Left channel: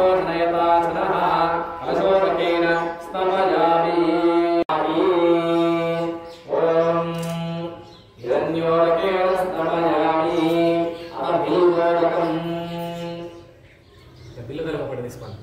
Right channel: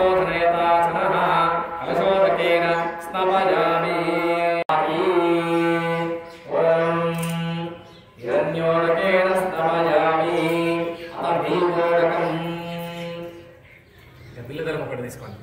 आपोषणयताचनः कलशोदकेन स्नपयामि हिरण्योदकेन स्नपयामि अभीगोदकम् बिल्लदलं ఒకటి తీసుకోండి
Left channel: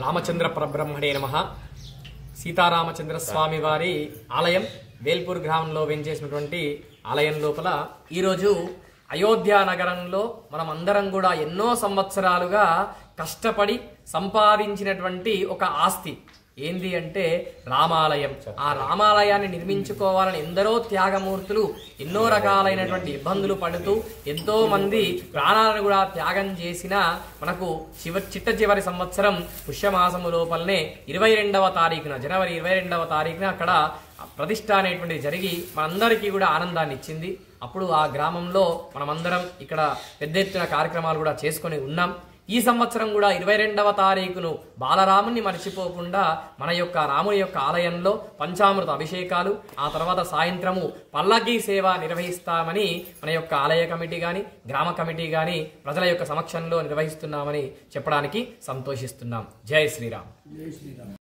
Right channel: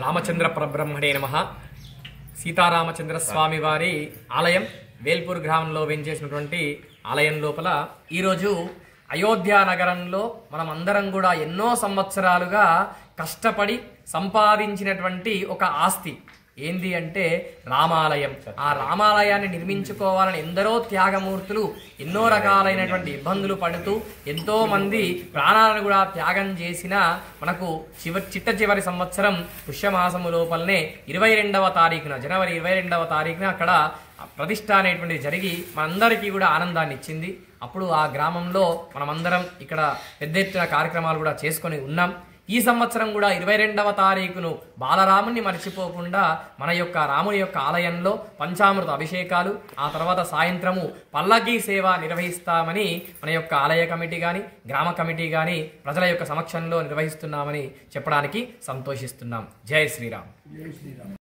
రామచంద్ర పరబ్రహ్మణే నమః. సీతారామచంద్ర స్వామి వారి ఆలయం వేల్పూర్ గ్రామంలో వెంచేసినటువంటి ఆలయం లోపల ఈరోజు అయోధ్య నగరంలో మనం అందరం కూడా ఎన్నో సంవత్సరాలుగా కష్టపడి సంపాదించినటువంటి ఒక ఆస్తి ఏంది అంటే రామాలయం. ఆ రామాలయాన్ని నిర్మించుకోవాలని ఎందరో త్యాగమూర్తులు ఎన్నో రకాలైనటువంటి ఇబ్బందులు పడుతూ ఎంతో మంది ప్రాణాలను కూడా త్యాగం చేసిన మనకు చిట్ట చివరి సంవత్సరం పుష్యమాసము లోపలనే 22వ తారీఖున జనవరి 22వ తారీఖున అక్కడ ప్రతిష్ఠ అనేటువంటిది జరిగి మనందరికీ కూడా ఆనందాన్ని ఇచ్చింది. అప్పుడు ఆ గ్రామంలో మనమందరం ఇక్కడ పెద్ద ఎత్తున కార్యక్రమాలు కూడా చేసుకొని ఉన్నాం. ఈ సంవత్సరం కూడా 22వ తారీఖును బాలరాముని మర్చిపోకుండా మన యొక్క రాముని యొక్క ఆలయంలో పంచామృత అభిషేకాలు, ఆ తర్వాత సాయంత్రము పల్లకీ సేవ నిర్వహిస్తామని మన యొక్క ఆలయ కమిటీ కానీ గ్రామ కమిటీ కానీ ప్రజల యొక్క సమక్షంలో నిర్వహిస్తున్నామని చెప్పడానికి సంతోషిస్తున్నాం. జై శ్రీరామ్.